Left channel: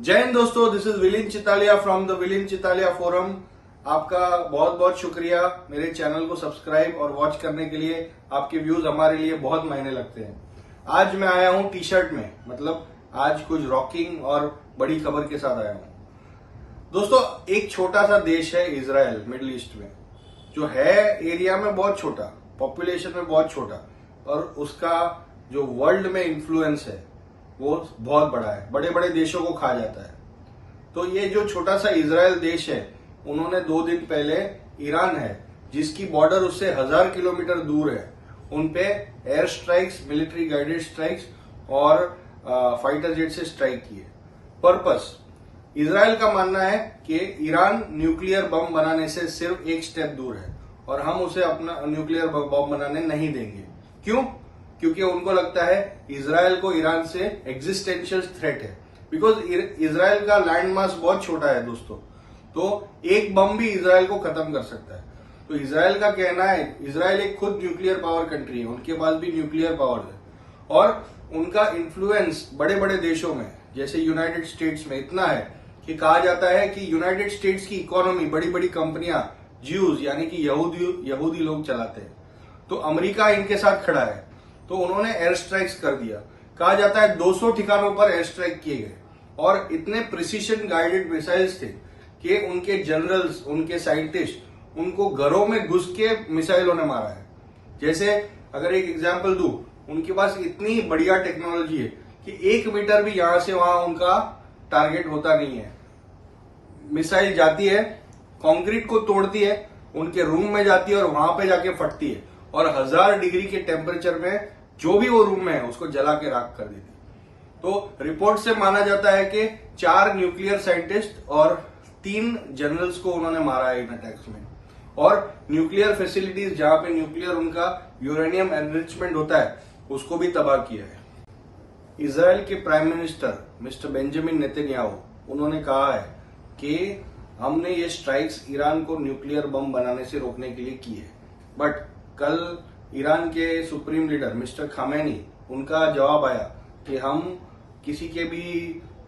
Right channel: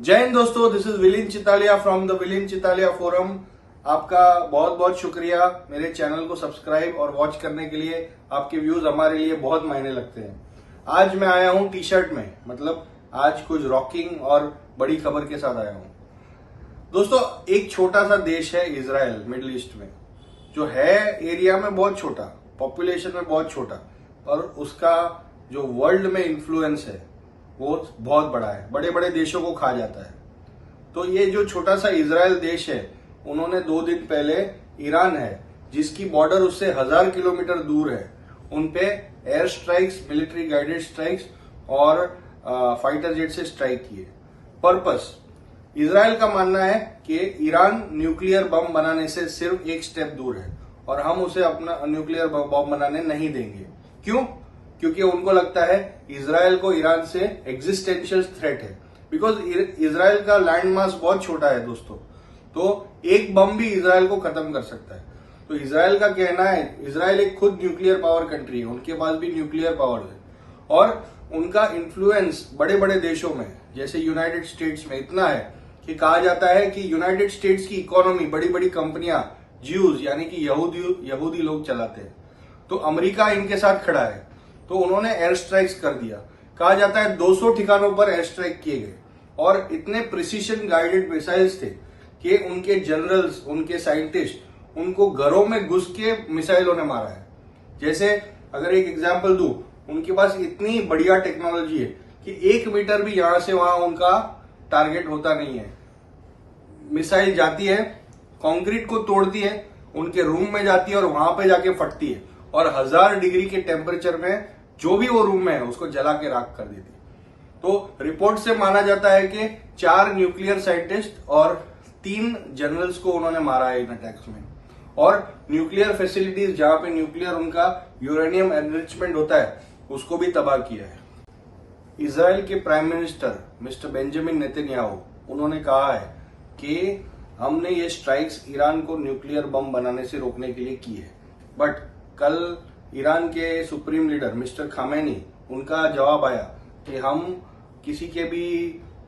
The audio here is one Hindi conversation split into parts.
जय हिंद दोस्तों, this is विलिन Chitalia from the विलिन Chitalia forum. आपका बहुत बहुत शुक्रिया मेरे चैनल को सब्सक्राइब और वॉच करने के लिए। आपके व्यूज हमारे लिए बहुत मायने लगते हैं। आज मैं आया हूं टी शर्ट में, मतलब आज कुछ रॉकिंग और बड़ी खबर के साथ आया हूं। दोस्तों, एक छोटा सा देश है इजराइल, मिडिल ईस्ट में, जो है एरिया में बहुत छोटा, पॉपुलेशन में बहुत छोटा, और उसका जो वर्ल्ड में इन्फ्लुएंस है वो बहुत बड़ा है, बड़े बड़े देशों को खा जाता है। तो ये जो छोटा सा इजराइल देश है, उन्होंने 2 दिन पहले ईरान है, जिसकी बॉर्डर उससे 1000 किलोमीटर दूर है, उनपे air strikes, military guided strikes और फाइटर जेट से स्ट्राइक किए। पर्पस, इजराइल का मानना है कि ईरान न्यूक्लियर बम बनाने से सिर्फ एक स्टेप दूर है और हम उसे अपना न्यूक्लियर बम बनाने नहीं देंगे। क्यों? क्योंकि उनको लगता है इजराइल को ईरान से एग्जिस्टेंशियल थ्रेट है। बिकॉज इजराइल का लैंड मास बहुत छोटा है दोस्तों, तो एक बम भी इजराइल को खत्म कर सकता है। तो इजराइल का कहना है, इजराइल एक खुद न्यूक्लियर पावर कंट्री है, उनके पास भी न्यूक्लियर पावर है और उनका इन्फ्लुएंस बड़े बड़े देशों में जैसे यूनाइटेड स्टेट्स में इतना है कि कहा जाता है कि यूनाइटेड स्टेट्स की इकोनॉमी बड़ी बड़ी कंपनियां ज्यूज यानी कि यहूदी लोग चलाते हैं। तो अमेरिका इनके साथ खड़ा है, तो उन्होंने एयर स्ट्राइक्स कर दिया। कहा जाता है 200 ठिकानों पर एयर स्ट्राइक किए गए और इतने प्रिसीशन गाइडेड मिसाइल्स थे कि उनके जनरल्स, उनके साइंटिस्ट, उनको घरों में घुस के मिसाइलों ने मारा है। जैसे अगर एक एग्जांपल दूं, उनके पास इतनी बढ़िया टेक्नोलॉजी है कि 1 मीटर भी यहां से वहां उनका टारगेट होता नहीं है। मिसाइल जाती है, कंक्रीट को तोड़ती है, उनके रूम में जाती है और वहां पे जाके फटती है और 1000 डिग्री के टेम्परेचर में जो भी वो रूम में है उसको जला के राख कर देती। तो रिपोर्ट से माना जाता है कि 4 न्यूक्लियर साइंटिस्ट और 3 जनरल्स को उन्होंने मारा है इन अटैक्स में, और न्यूक्लियर फैसिलिटीज जहां पे न्यूक्लियर उनका यूरेनियम एनरिचमेंट होता है उसको भी तबाह किया है। इजराइल के prime minister mister Benjamin Netanyahu, उन्होंने कहा है कि हमने ये स्ट्राइक्स ईरान को न्यूक्लियर बम बनाने से रोकने के लिए की है। बट कल ईरान के सुप्रीम लीडर मिस्टर खामेनी, उनका जवाब आया कि हम किसी के भी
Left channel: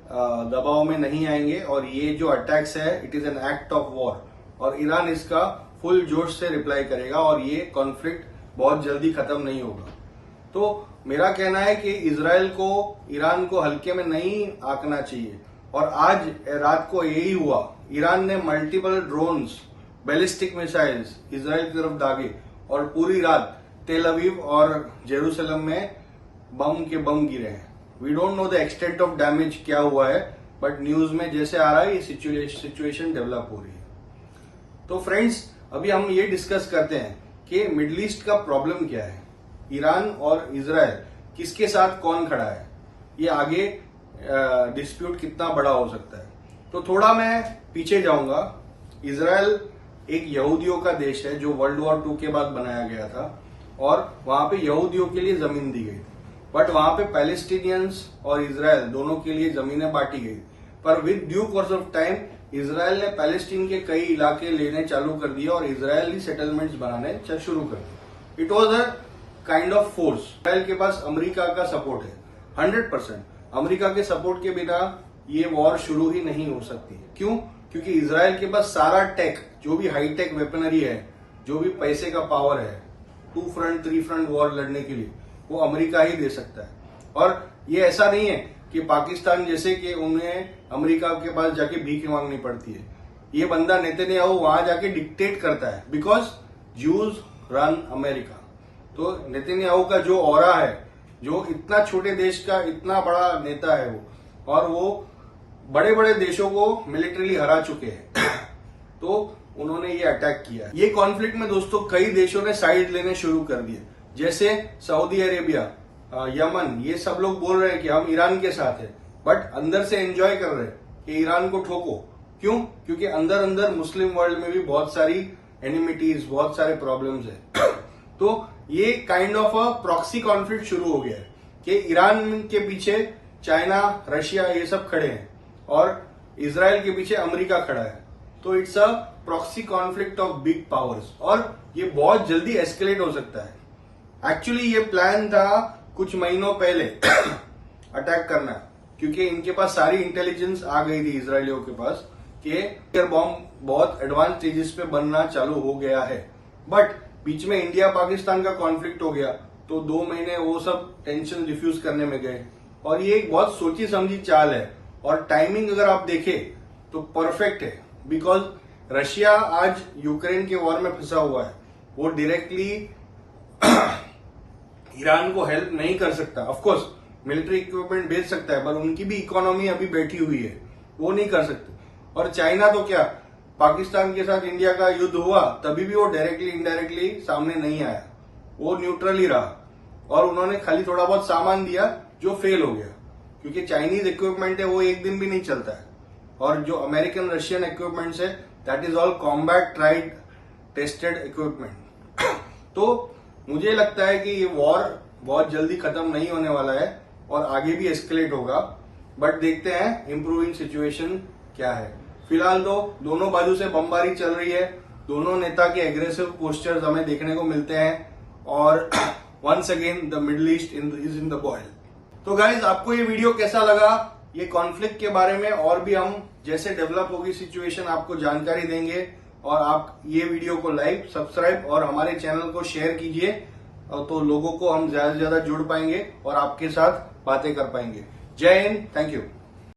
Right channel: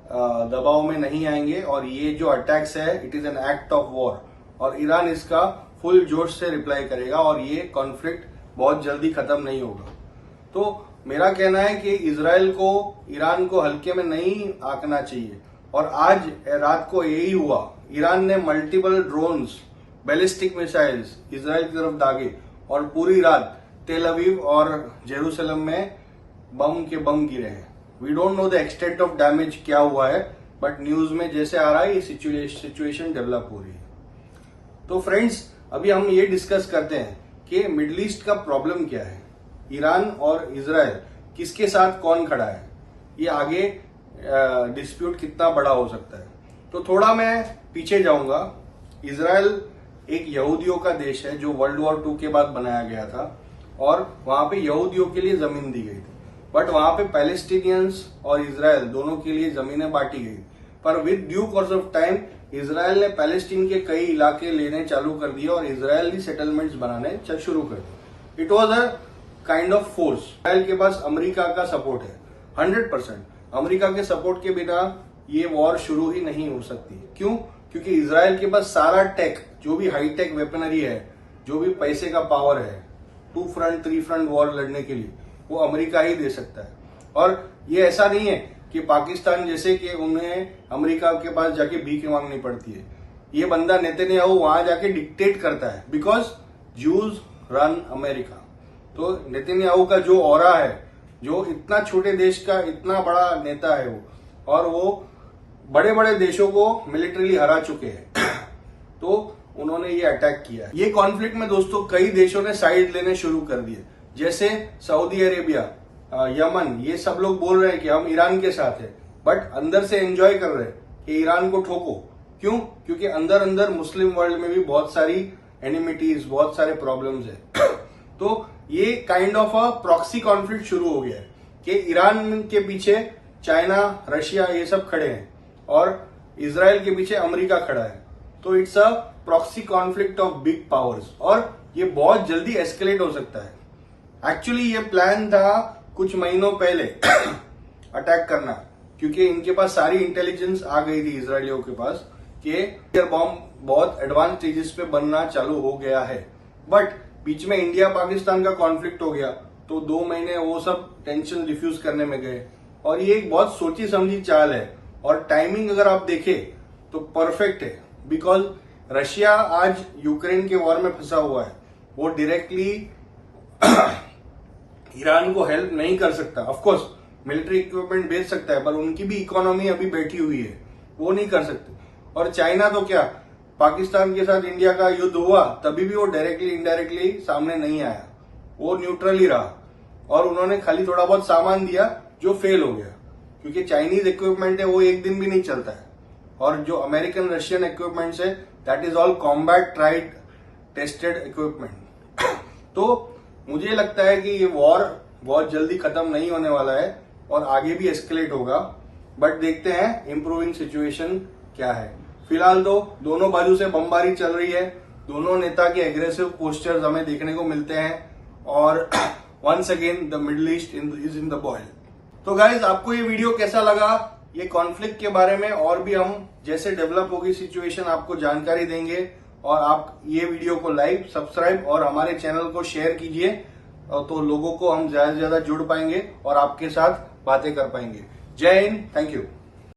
दबाव में नहीं आएंगे और ये जो अटैक्स है it is an act of war, और ईरान इसका फुल जोश से रिप्लाई करेगा और ये कॉन्फ्लिक्ट बहुत जल्दी खत्म नहीं होगा। तो मेरा कहना है कि इजराइल को ईरान को हल्के में नहीं आंकना चाहिए, और आज रात को यही हुआ। ईरान ने multiple drones, ballistic missiles Israel की तरफ दागे और पूरी रात तेल अवीव और जेरूसलम में बम के बम गिरे हैं। We don't know the extent of damage क्या हुआ है, बट न्यूज में जैसे आ रहा है ये सिचुएशन डेवलप हो रही है। तो फ्रेंड्स, अभी हम ये डिस्कस करते हैं कि मिडिल ईस्ट का प्रॉब्लम क्या है, ईरान और इजराइल किसके साथ कौन खड़ा है, ये आगे डिस्प्यूट कितना बड़ा हो सकता है। तो थोड़ा मैं पीछे जाऊंगा। इजराइल एक यहूदियों का देश है जो वर्ल्ड वॉर 2 के बाद बनाया गया था और वहां पे यहूदियों के लिए जमीन दी गई थी। बट वहां पे पैलेस्टीनियंस और इजराइल दोनों के लिए जमीनें बांटी गई, पर with due course of time Israel ने पैलेस्टीन के कई इलाके लेने चालू कर दिए और इजरायली सेटलमेंट्स बनाने शुरू कर दिए। It was a kind of force. Israel के पास अमेरिका का सपोर्ट है 100%। अमेरिका के सपोर्ट के बिना ये वॉर शुरू ही नहीं हो सकती। क्यों? क्योंकि इजराइल के पास सारा टेक, जो भी हाईटेक वेपनरी है, जो भी पैसे का पावर है 2 फ्रंट 3 फ्रंट वॉर लड़ने के लिए, वो अमेरिका ही दे सकता है। और ये ऐसा नहीं है कि पाकिस्तान जैसे कि उन्हें अमेरिका के पास जाके भीख मांगनी पड़ती है। ये बंदा नेतन्याहू वहां जाके डिक्टेट करता है, बिकॉज ज्यूज रन अमेरिका। तो नेतन्याहू का जो ऑरा है, जो इतना छोटे देश का इतना बड़ा नेता है वो, और वो बड़े बड़े देशों को मिलिट्रीली हरा चुके हैं तो उन्होंने ये अटैक किया है। ये कॉन्फ्लिक्ट में दोस्तों कई देशों ने साइड लेने शुरू कर दिए, जैसे सऊदी अरेबिया, यमन, ये सब लोग बोल रहे हैं कि हम ईरान के साथ हैं, बट अंदर से एंजॉय कर रहे हैं कि ईरान को ठोको। क्यों? क्योंकि अंदर अंदर मुस्लिम वर्ल्ड में भी बहुत सारी एनिमिटीज, बहुत सारे प्रॉब्लम्स है तो ये kind of a proxy conflict शुरू हो गया है कि ईरान के पीछे चाइना, रशिया, ये सब खड़े हैं और इजराइल के पीछे अमेरिका खड़ा है। तो it's a proxy conflict of big powers और ये बहुत जल्दी एस्केलेट हो सकता है। एक्चुअली ये प्लान था कुछ महीनों पहले अटैक करना, क्योंकि इनके पास सारी इंटेलिजेंस आ गई थी इजरायलियों के पास कि न्यूक्लियर बॉम्ब बहुत एडवांस स्टेजेस पे बनना चालू हो गया है। बट बीच में इंडिया पाकिस्तान का कॉन्फ्लिक्ट हो गया तो 2 महीने वो सब टेंशन डिफ्यूज करने में गए। और ये एक बहुत सोची समझी चाल है और टाइमिंग अगर आप देखें तो परफेक्ट है, बिकॉज रशिया आज यूक्रेन के वॉर में फंसा हुआ है। वो डायरेक्टली ईरान को हेल्प नहीं कर सकता। ऑफ कोर्स मिलिट्री इक्विपमेंट भेज सकता है, पर उनकी भी इकोनॉमी अभी बैठी हुई है, वो नहीं कर सकते। और चाइना तो क्या, पाकिस्तान के साथ इंडिया का युद्ध हुआ तभी भी वो डायरेक्टली इनडायरेक्टली सामने नहीं आया, वो न्यूट्रल ही रहा और उन्होंने खाली थोड़ा बहुत सामान दिया जो फेल हो गया, क्योंकि चाइनीज इक्विपमेंट है वो एक दिन भी नहीं चलता है। और जो अमेरिकन रशियन इक्विपमेंट्स है that is all combat tried tested equipment. तो मुझे लगता है कि ये वॉर बहुत जल्दी खत्म नहीं होने वाला है और आगे भी एस्केलेट होगा, बट देखते हैं इंप्रूविंग सिचुएशन क्या है। फिलहाल तो दोनों बाजू से बमबारी चल रही है, दोनों नेता के एग्रेसिव पोस्टर्स हमें देखने को मिलते हैं और once again the Middle East is in the boil. तो गाइज आपको ये वीडियो कैसा लगा, ये कॉन्फ्लिक्ट के बारे में और भी हम जैसे डेवलप होगी सिचुएशन आपको जानकारी देंगे। और आप ये वीडियो को लाइक, सब्सक्राइब और हमारे चैनल को शेयर कीजिए, तो लोगों को हम ज्यादा से ज्यादा जुड़ पाएंगे और आपके साथ बातें कर पाएंगे। जय हिंद, थैंक यू।